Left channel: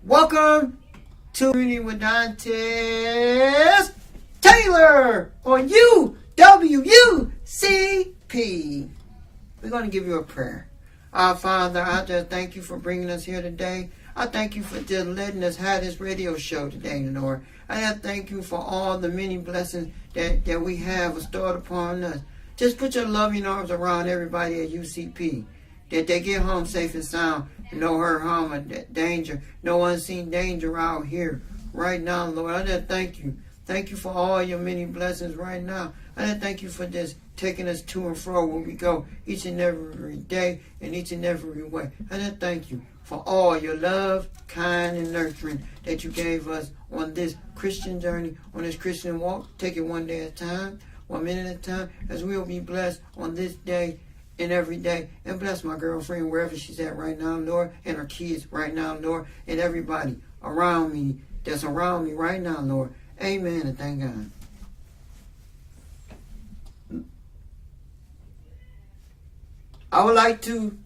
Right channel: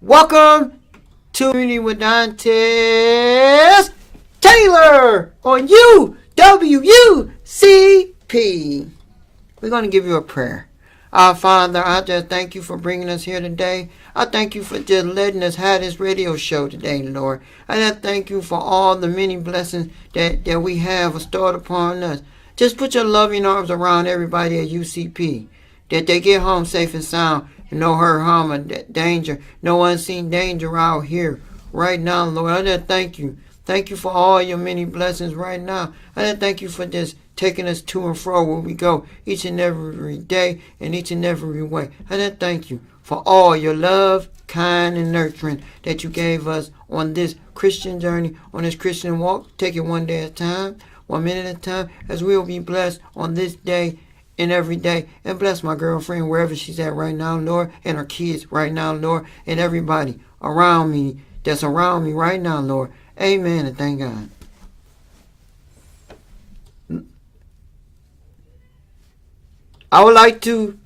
Welcome to Community with Dontez Taylor on UWUCP. We're going to give you a prayer. Our Father, I just thank you for bringing us here today. I thank you for just letting us have this radio show today, Lord. And I thank you for all the many blessings that we have bestowed upon us. Just put your loving arms around everybody at UCP, that they get home safe and sound, and no hurt, harm, or danger, no unseen danger out here right now, Lord. I just thank you. Thank you for all your many blessings right now. I just thank you for just taking us to and fro where we go each and every day and each and every way. I just thank you for all your love, kind, and nurturing that you gave us on this Christian journey, on this Christian walk. Take it one day at a time, 1 minute at a time, as we'll be blessed on this day and every day. And bless my girlfriend wherever she's at right now, Lord, and her kids right now, Lord, and everybody around me that's around me right now, Lord. Amen, and thank God. I would like to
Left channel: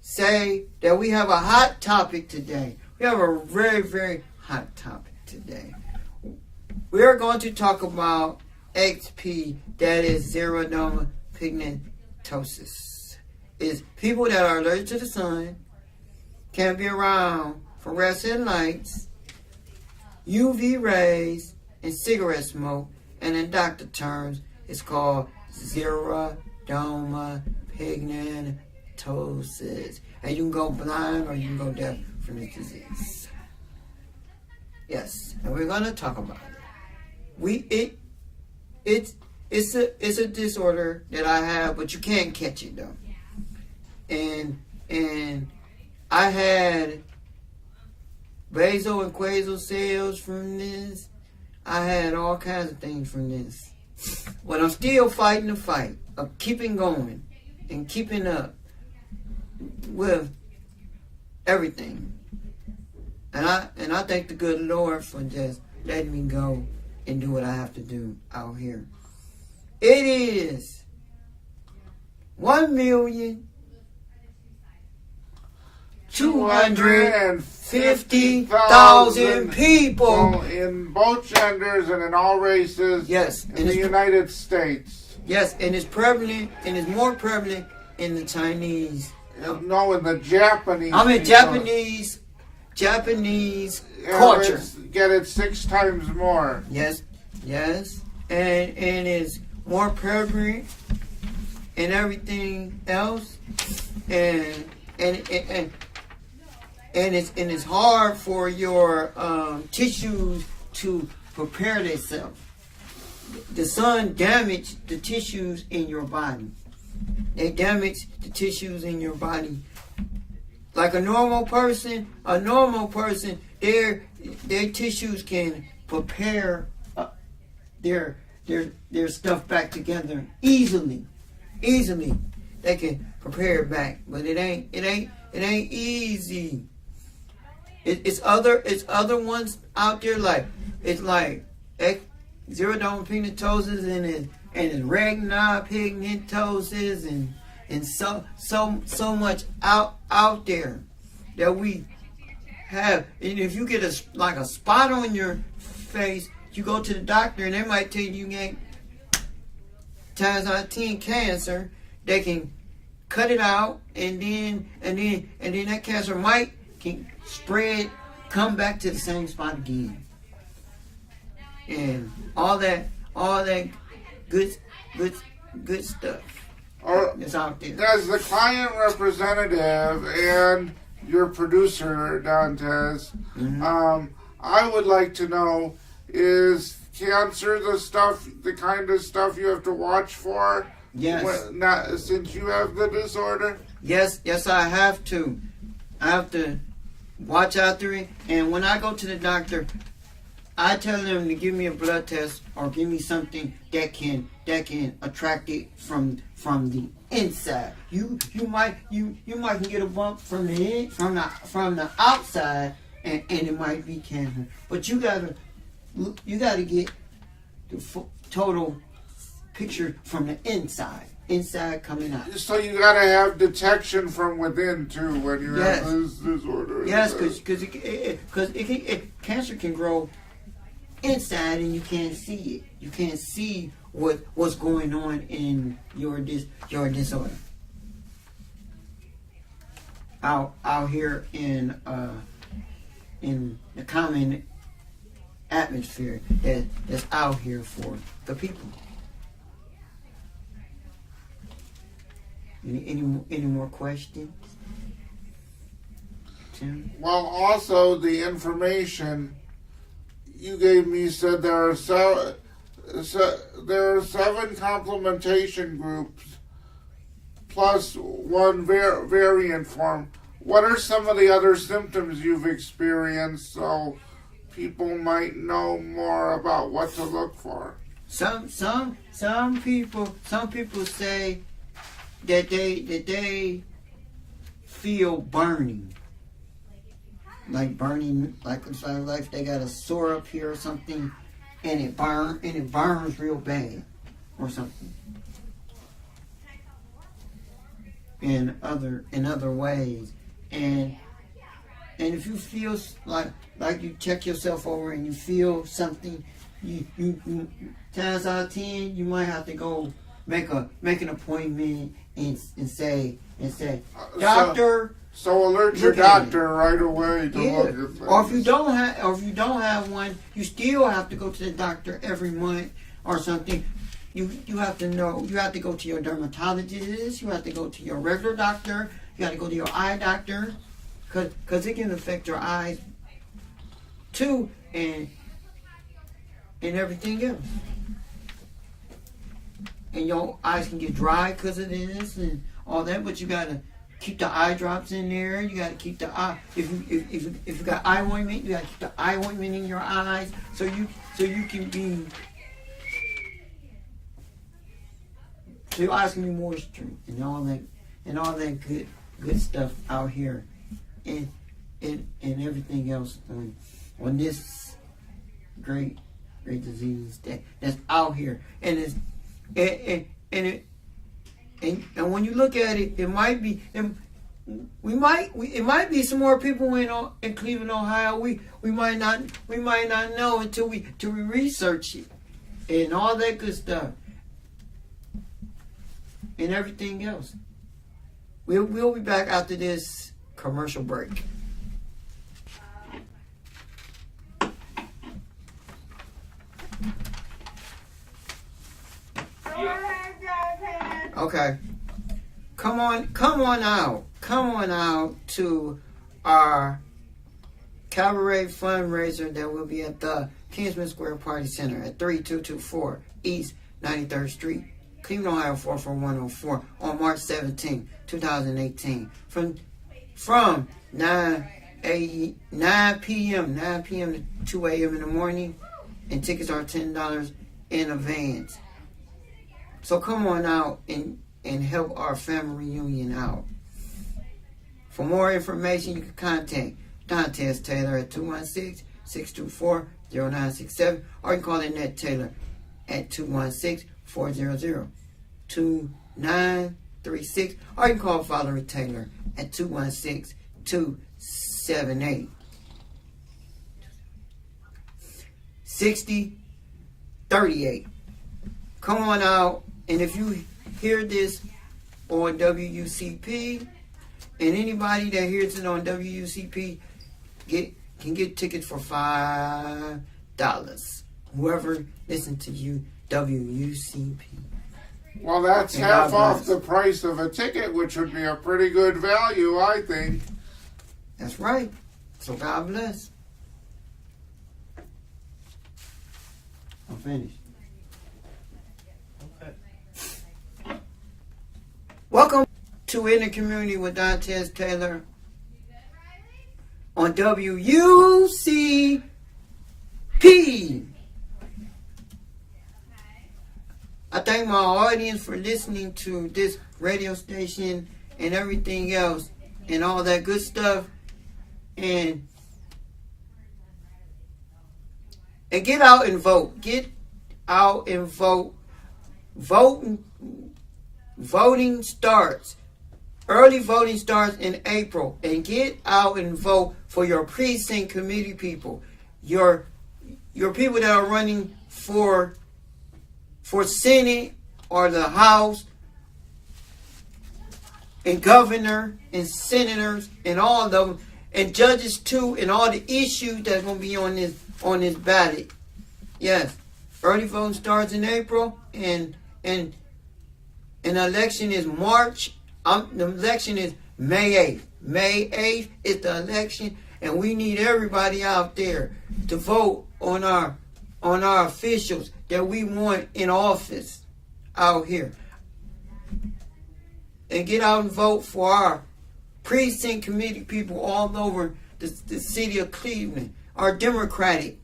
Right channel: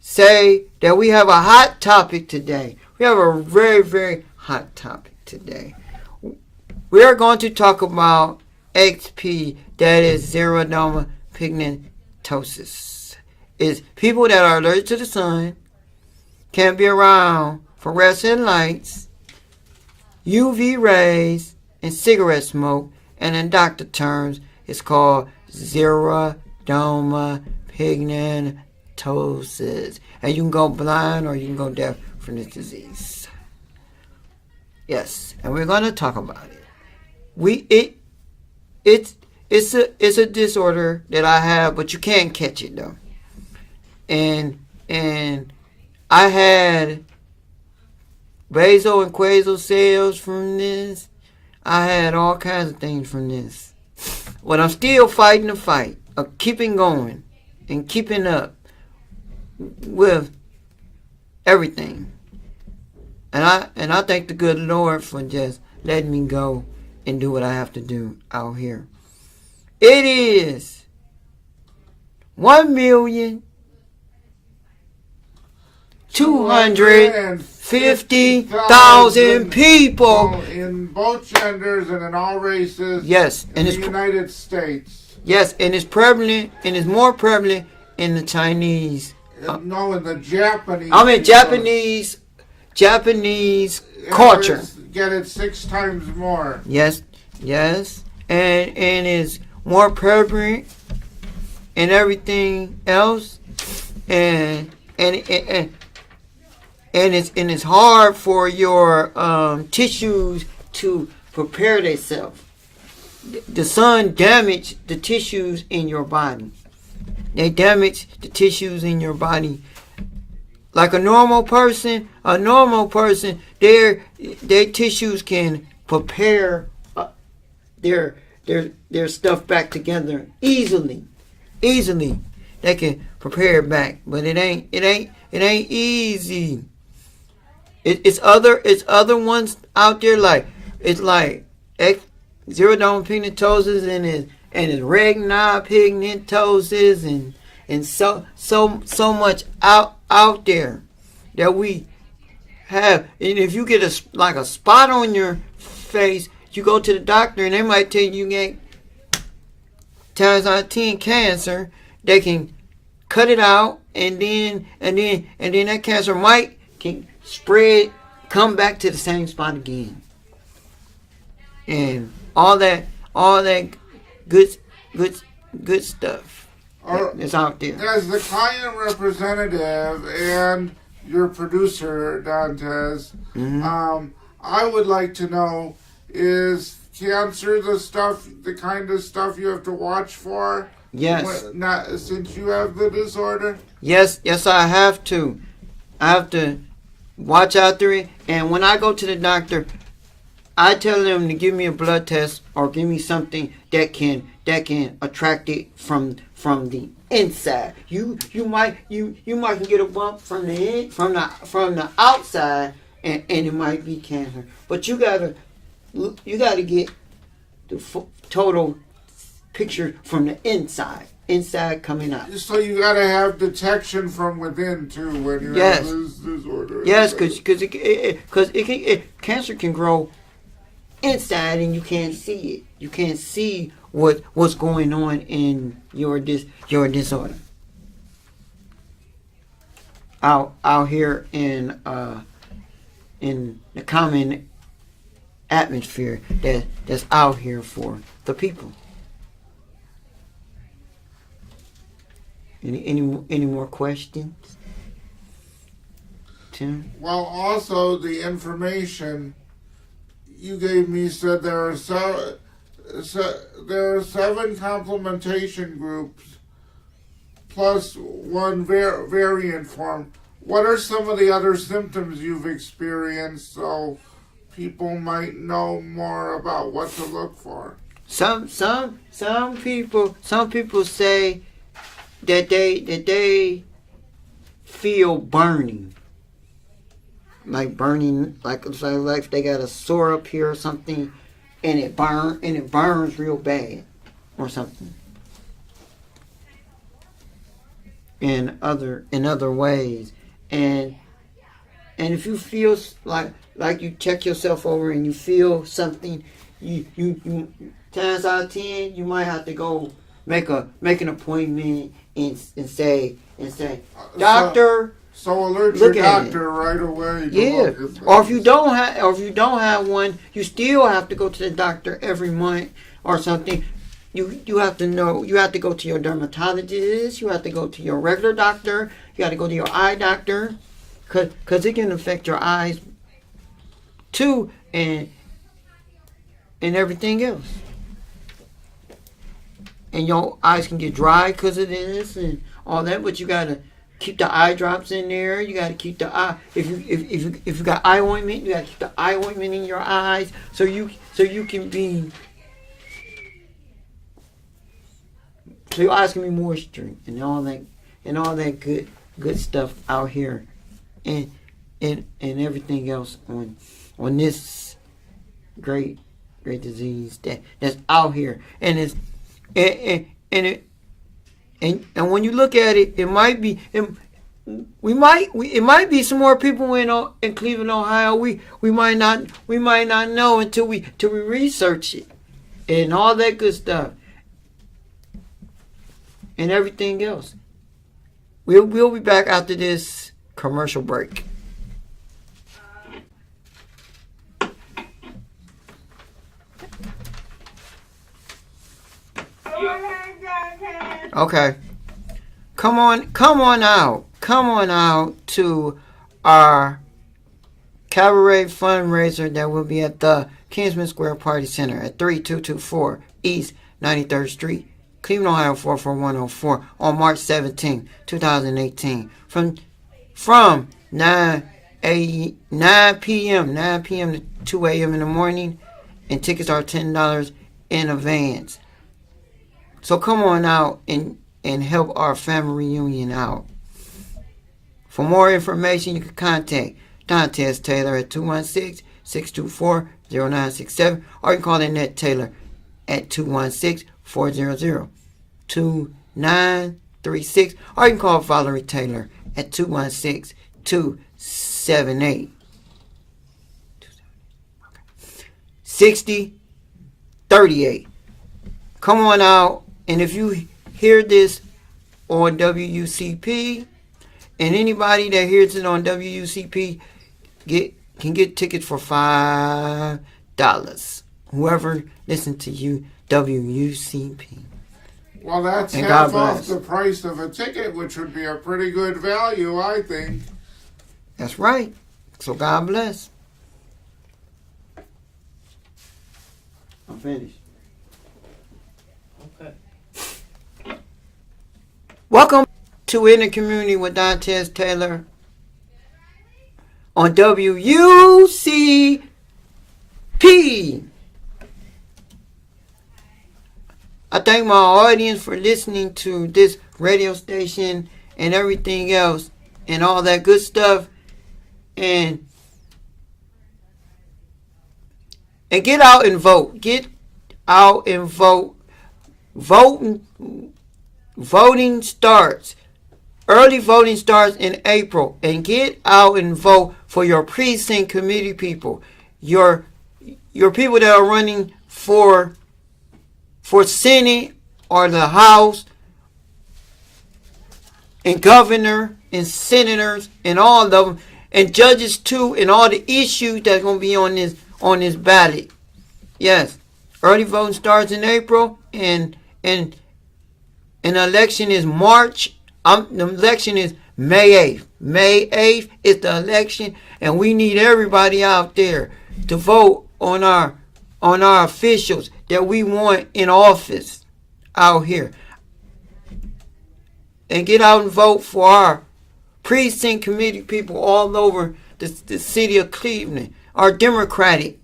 say that we have a hot topic today. We have a very, very hot topic today. We are going to talk about XP, that is xeroderma pigmentosus. It's people that are allergic to the sun, can't be around fluorescent lights, UV rays, and cigarette smoke, and in doctor terms, it's called xeroderma pigmentosus. And you can go blind or you can go deaf from this disease. Yes, and we're going to talk about it. It's a disorder that I have, but you can't catch it though. And I had basal and quasal cells from this. I had all kinds of things from this. But I'm still fighting the fight of keeping going and keeping up with everything. And I thank the good Lord for just letting me go and do what I have to do out here. It is 1,250,000 people in both genders and in all races. Yes, in the United States. Yes, and it's prevalent, and it's more prevalent in the Chinese. No, in the Japanese. I mean Japanese culture. Get it 6 times more. Yes, and it's more prevalent and everything else, and it's hard for your tissues to prepare themselves. The sun damaged the tissues in your body. They damage the tissues in your body. Like a normal person, their tissues can prepare their stuff back together easily. They can prepare it back, but it ain't easy. It's other ones out there like xeroderma pigmentosus and it's Ragnar pigmentosus and so much out there that we have. And if you get a spot on your face, you go to the doctor and they might tell you get times out of 10 cancer. They can cut it out and then that cancer can spread, come back to the same spot again. And all that good stuff is out there. As the client representative and your producer, Dontez, I would like to know, is cancer the kind of stuff you have to watch for? Yes. Since you have the disorder? Yes, I have to. I have to watch out through it. And when I go to the doctor, I tell them to give me a blood test or give me something that can attract it from the inside. You might get a bump from the outside and it might be cancer. But you gotta get the total picture from the inside. inside coming out. So you got to have detection from within too when you have this disorder. Yes, because cancer can grow inside and you can't see it. You can't see what's going on in your disorder. Out here in the common atmosphere that's out here for the people. Any more questions, Tim? Well, also the information you gave me said there are seven complementation groups plus one variant form. What are some of the other symptoms you've experienced so people might know more about what to look for? Some people say that they feel burning. Like they got a sore up here or something, and it burns real bad or something. In other ways, and if you feel like you check yourself over and you feel something, you 10 out of 10 you might have to go make an appointment and say doctor. So alert your doctor right away. Or if you don't have one, you still have to go to the doctor every month or something. You have to know. You have to go to your dermatologist. You have to go to your regular doctor. You have to go to your eye doctor, cause it can affect your eyes too, and everything else. And your eyes can get dry because of this and all that. But you gotta keep the eye drops in there. You gotta keep the eye. If you got eye ointment, you gotta keep the eye ointment in your eyes so you can be. So your eyes can be moisture and all that good stuff out here, and everything else on this great disease that's out here, and it's and when you look at it, it might be it might be some more people in Cleveland, Ohio. We might not know until we research it and all that good stuff. And everything else. We'll be back after this commercial break. Okay. Come on out to our cabaret fundraiser that will be at the Kingsman Square Party Center at 3224 East 93rd Street, Cleveland, Ohio 44104 on March 17, 2018 from 9 p.m. to 2 a.m. in the morning, and tickets are $10 in advance. So come on out and help our family reunion out. For more information, you can contact Dontez Taylor at 216-624-0967, or you can call Annette Taylor at 216-400-2936, or you can call Valerie Taylor at 216-278-6038. Come on out, and if you hear this on WUCP, and anybody that hears it on WUCP can get tickets for $5. Whoever listens to you, WUCP. Well, that's And half God off bless. the price of a ticket, which would be a pretty good value, I think. That's right. So God bless. I'm finished. Okay. Welcome to In the Community with Dontez Taylor on WUCP. I thank my audience for listening to this radio station and everything else and all that good stuff. And get out and vote. Get out and vote. Vote voting starts. Early voting starts in April, and get out and vote for your precinct committee people, your people that are running for Senate or the House, and governor and senators and all of them, and judges too, and all the issues that's gonna be on this ballot. Yes, early voting starts in April, and the election is March. The election is May 8th. May 8th is the election, and we need everybody out there to vote on our officials that we want in office out here. And get out and vote for our precinct committee people all over the city of Cleveland, our Democratic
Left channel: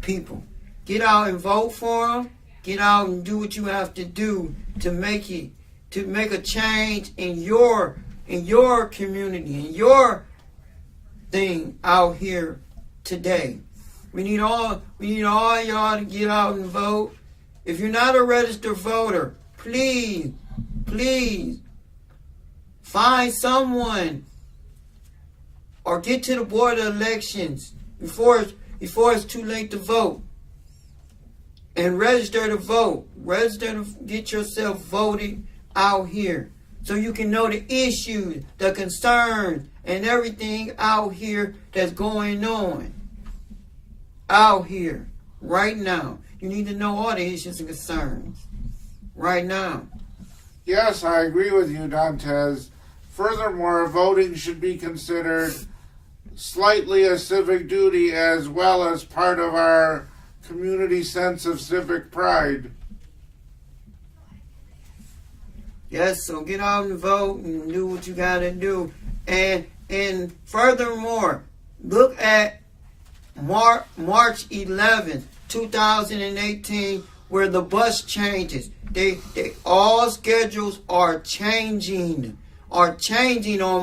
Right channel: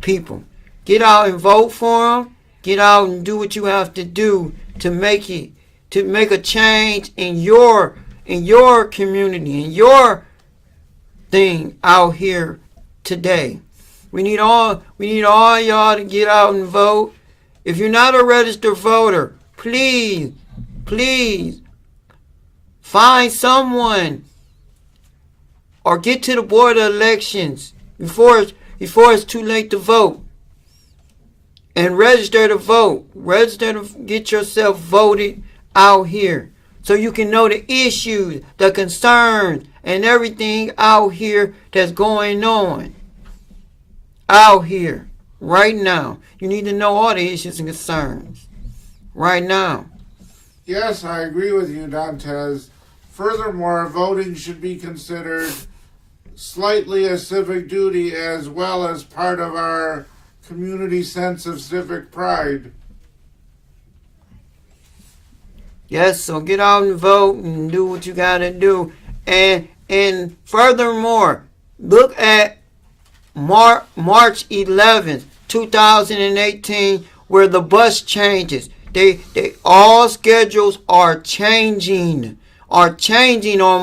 people. Get out and vote for them. Get out and do what you have to do to make a change in your community, in your thing out here today. We need all y'all to get out and vote. If you're not a registered voter, please find someone or get to the board of elections before it's too late to vote. And register to vote. Register to get yourself voted out here, so you can know the issues, the concerns, and everything out here that's going on out here right now. You need to know all the issues and concerns right now. Yes, I agree with you, Dontez. Furthermore, voting should be considered slightly a civic duty as well as part of our community sense of civic pride. Yes, so get out and vote and do what you gotta do. And furthermore, look at March 11th, 2018, where the bus changes. They all schedules are changing on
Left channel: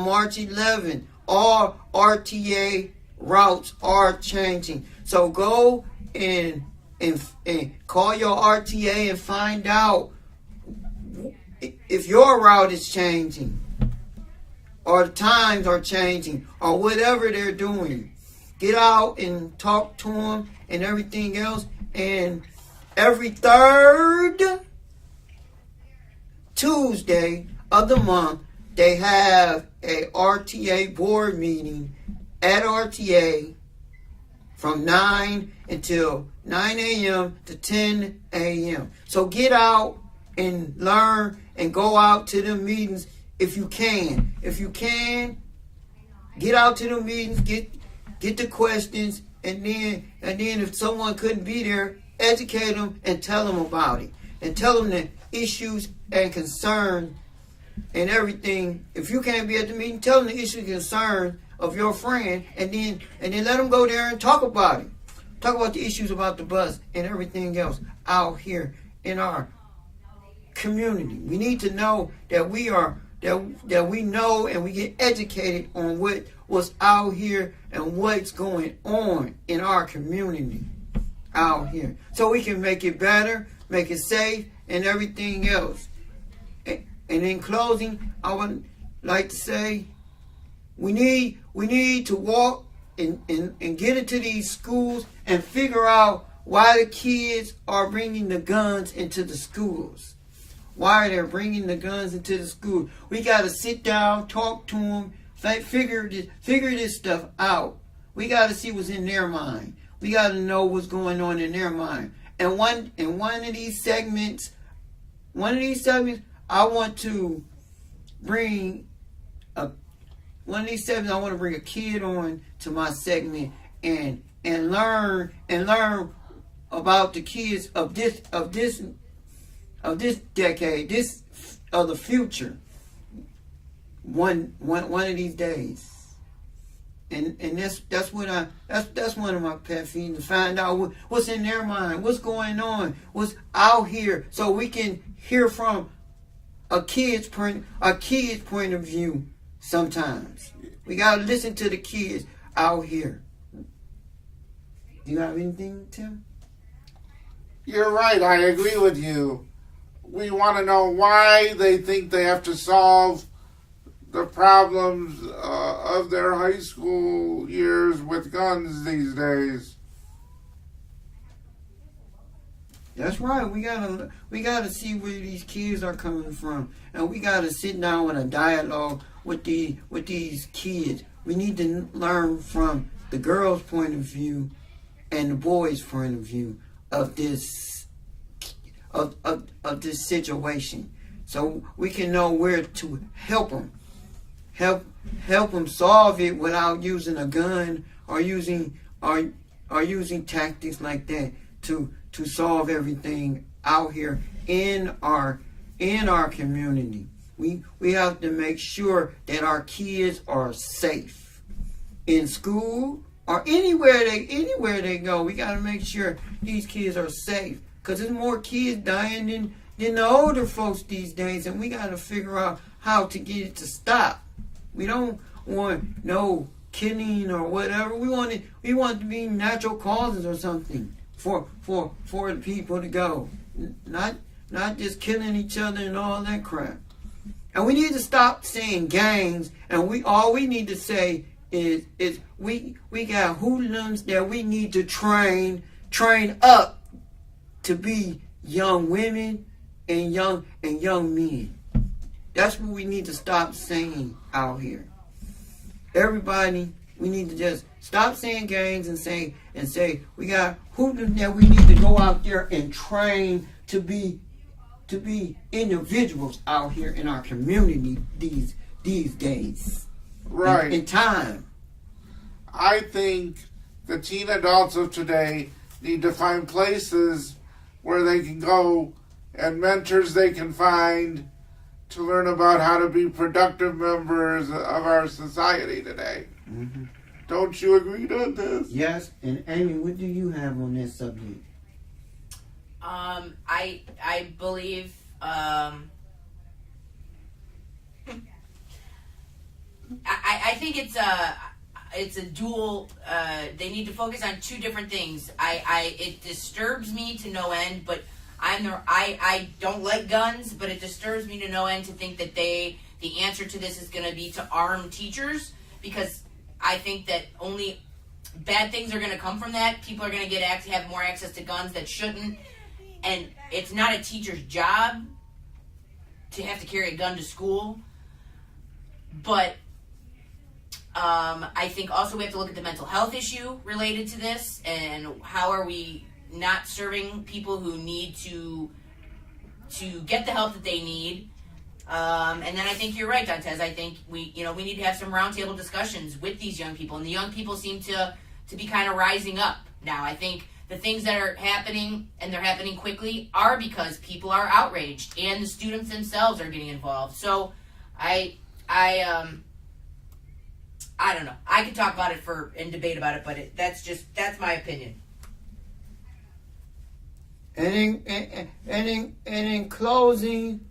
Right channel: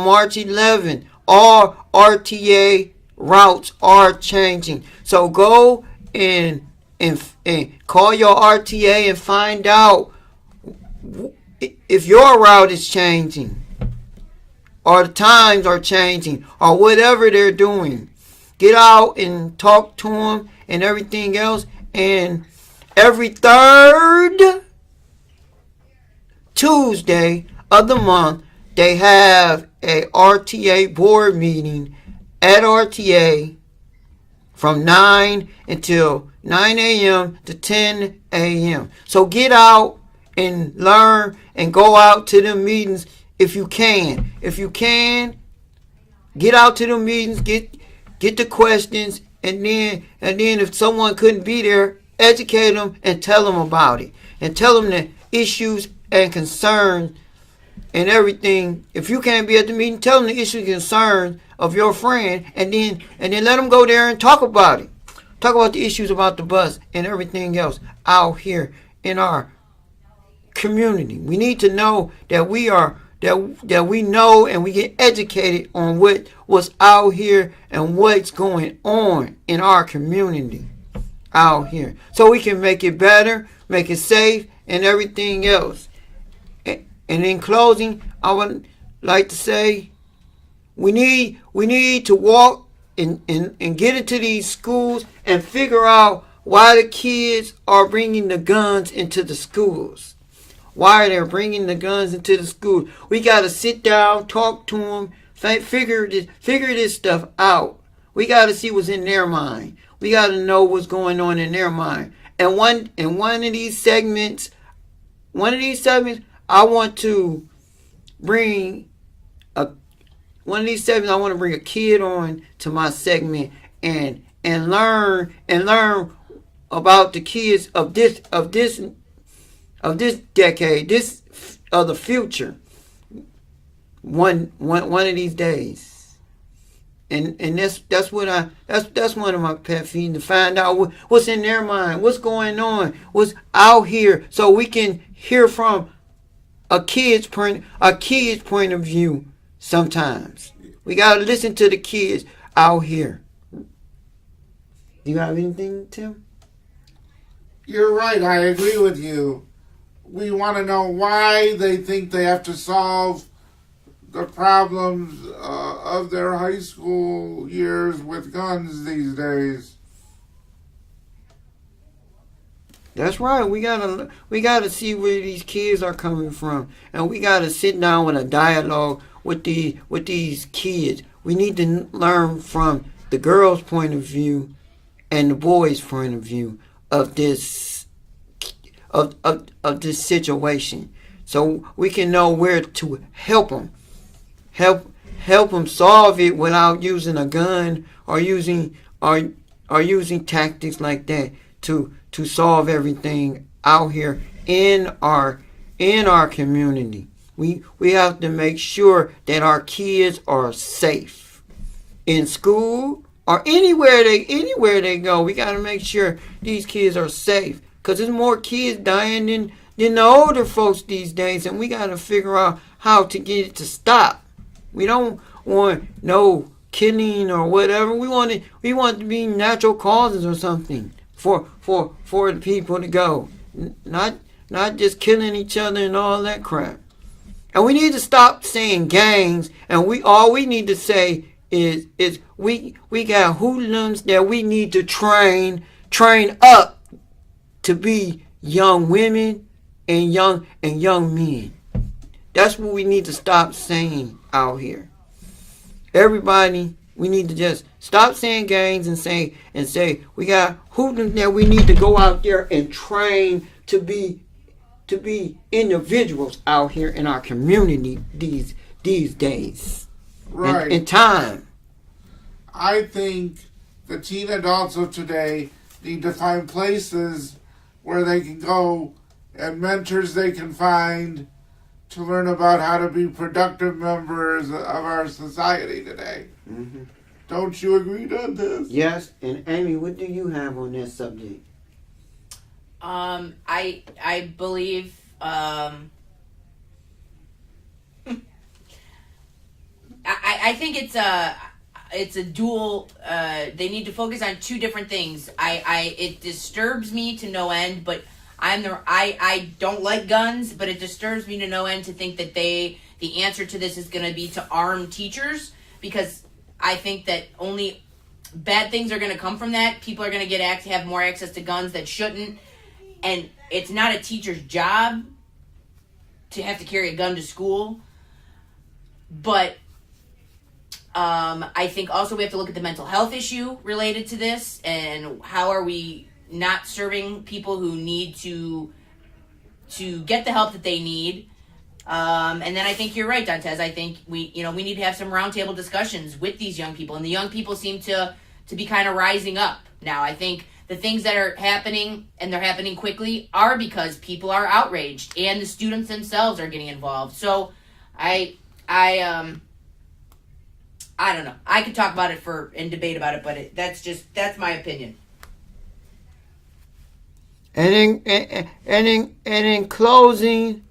March 11th. All RTA routes are changing. So go and call your RTA and find out if your route is changing, or the times are changing, or whatever they're doing. Get out and talk to them and everything else. And every third Tuesday of the month, they have a RTA board meeting at RTA from 9 until 9 a.m. to 10 a.m. So get out and learn and go out to the meetings if you can. If you can, get out to the meetings, get the questions, and then if someone couldn't be there, educate them and tell them about it. And tell them the issues and concerns and everything. If you can't be at the meeting, tell them the issues and concerns of your friend, and then let them go there and talk about it. Talk about the issues about the bus and everything else out here in our community. We need to know that we know and we get educated on what's out here and what's going on in our community out here, so we can make it better, make it safe, and everything else. And in closing, I would like to say we need to walk and get into these schools and figure out why the kids are bringing the guns into the schools. Why they're bringing the guns into the school. We got to sit down, talk to them, figure this stuff out. We got to see what's in their mind. We got to know what's going on in their mind. And one of these segments, I want to bring a kid on to my segment and learn about the kids of this decade, of the future. One of these days. And that's one of my pet peeves, to find out what's in their mind, what's going on, what's out here, so we can hear from a kid's point of view. Sometimes we gotta listen to the kids out here. Do you have anything, Tim? You're right, I agree with you. we want to know why they think they have to solve the problems of their high school years with guns these days. That's right. We gotta see where these kids are coming from, and we gotta sit down with a dialogue with these kids. We need to learn from the girls' point of view and the boys' point of view of this of this situation, so we can know where to help them, help them solve it without using a gun or using tactics like that to solve everything out here in our community. We have to make sure that our kids are safe in school or anywhere they go. We got to make sure these kids are safe, because there's more kids dying than the older folks these days, and we got to figure out how to get it to stop. We don't want no killing or whatever. We want it to be natural causes or something for the people to go, not just killing each other and all that crap. And we need to stop saying gangs, and all we need to say is we got hoodlums that we need to train up to be young women and young men. That's what we need to stop saying out here. Everybody, we need to just stop saying gangs and say we got hoodlums that we need to go out there and train to be individuals out here in our community these days. Right. In time. I think the teen adults of today need to find places where they can go and mentors they can find to learn about how to be productive members of our society today. Mm-hmm. Don't you agree on this? Yes, and Amy, what do you have on that subject? I believe I think it's a dual. They need to focus on two different things. It disturbs me to no end, but I don't like guns, but it disturbs me to no end to think that the answer to this is going to be to arm teachers, because I think that only bad things are going to come from that. People are going to have more access to guns that shouldn't, and it's not a teacher's job to have to carry a gun to school. But I think also we have to look at the mental health issue related to this, and how are we not serving people who need to get the help that they need. And then I think you're right, Dontez. I think we need to have some roundtable discussions with these young people, and the young people seem to be kind of rising up now. I think the things that are happening, and they're happening quickly, are because people are outraged and the students themselves are getting involved. So I don't know. I could talk about it and debate about it, but that's my opinion. And in closing,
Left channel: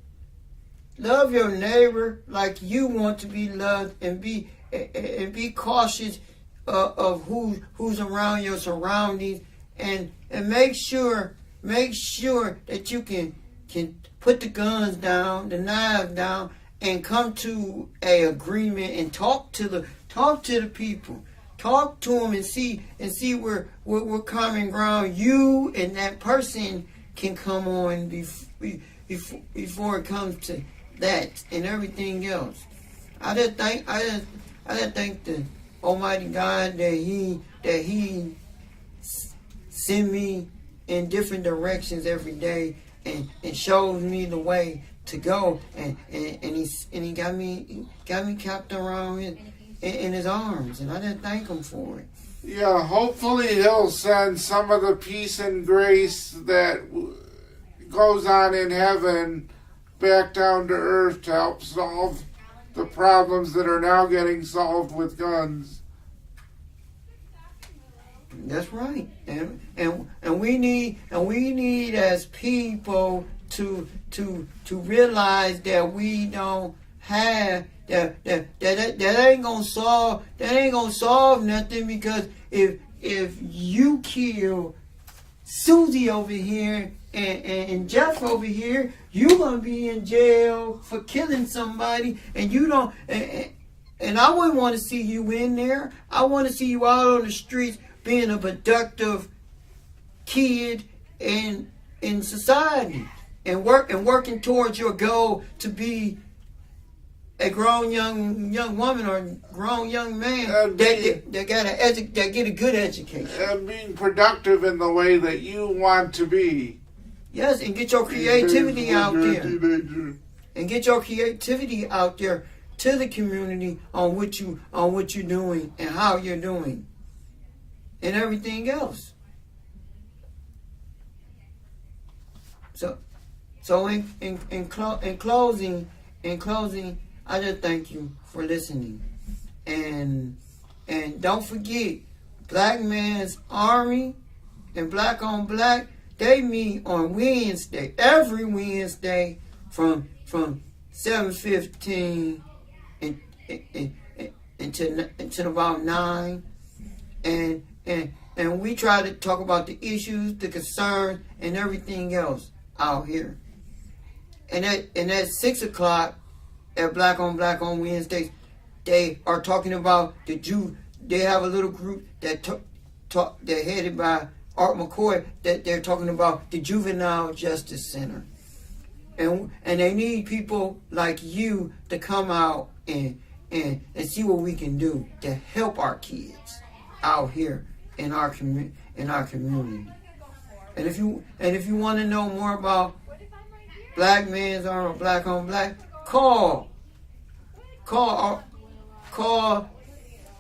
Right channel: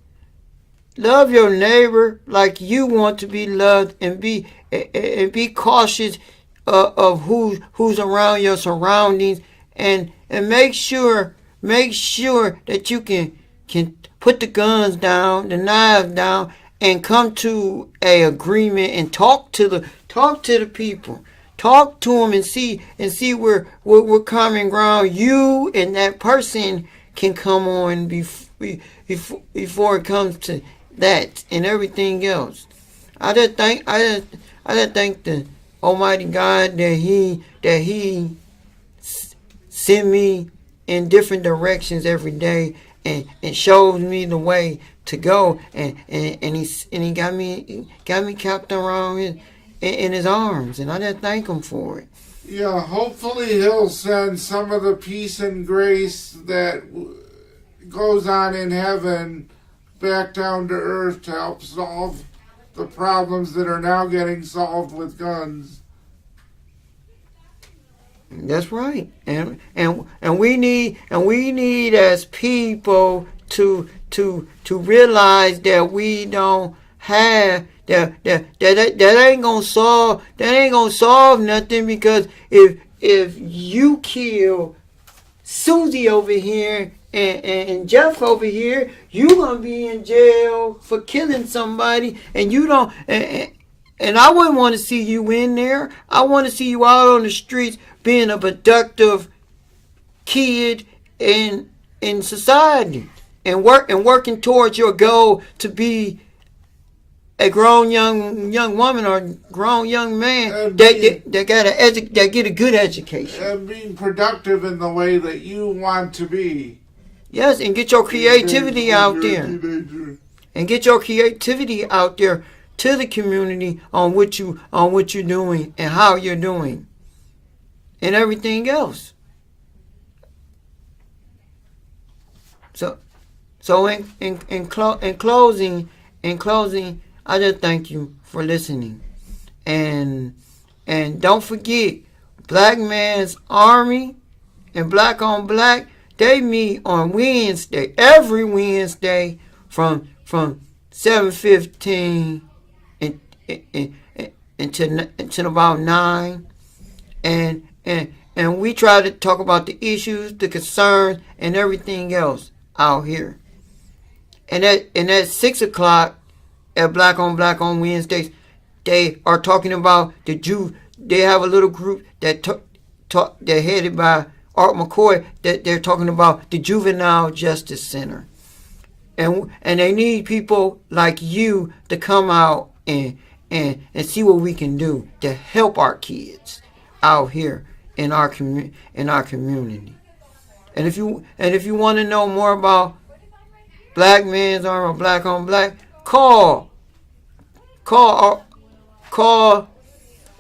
love your neighbor like you want to be loved, and be cautious of who's around your surroundings, and make sure that you can put the guns down, the knives down, and come to a agreement and talk to the people. Talk to them and see where common ground you and that person can come on before it comes to that and everything else. I just thank the Almighty God that He send me in different directions every day and shows me the way to go, and he got me kept around in His arms, and I just thank Him for it. Yeah, hopefully He'll send some of the peace and grace that goes on in heaven back down to earth to help solve the problems that are now getting solved with guns. That's right, and we need as people to realize that we don't have that ain't gonna solve nothing, because if you kill Susie over here and Jeff over here, you gonna be in jail for killing somebody, and you don't. And I wouldn't want to see you in there. I want to see you out on the streets being a productive kid in society, and working towards your goal to be a grown young woman or grown young man that get a good education and being productive in the way that you want to be. Yes, and get your creativity out there. And get your creativity out there to the community on what you're doing and how you're doing and everything else. So in closing, I just thank you for listening. And don't forget, Black Man's Army and Black on Black, they meet on Wednesday, every Wednesday from 7:15 until about 9. And we try to talk about the issues, the concerns, and everything else out here. And at 6 o'clock at Black on Wednesdays, they are talking about they have a little group they're headed by Art McCoy, that they're talking about the Juvenile Justice Center. And they need people like you to come out and see what we can do to help our kids out here in our community. And if you want to know more about Black Man's Army or Black on Black, call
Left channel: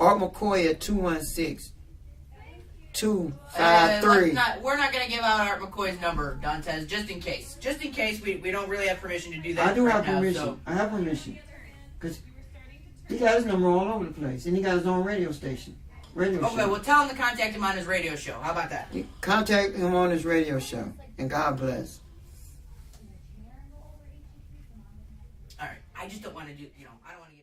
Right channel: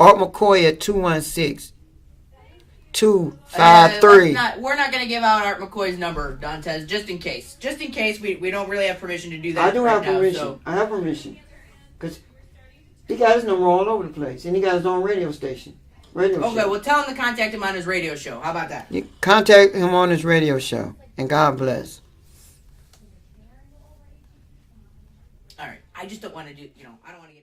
Art McCoy at 216-253. We're not going to give out Art McCoy's number, Dontez, just in case. Just in case we don't really have permission to do that. I do have permission. So. I have permission. Because he got his number all over the place. And he got his own radio station. Okay, well, tell him to contact him on his radio show. How about that? You contact him on his radio show. And God bless. All right. I just don't want to do, I don't want to get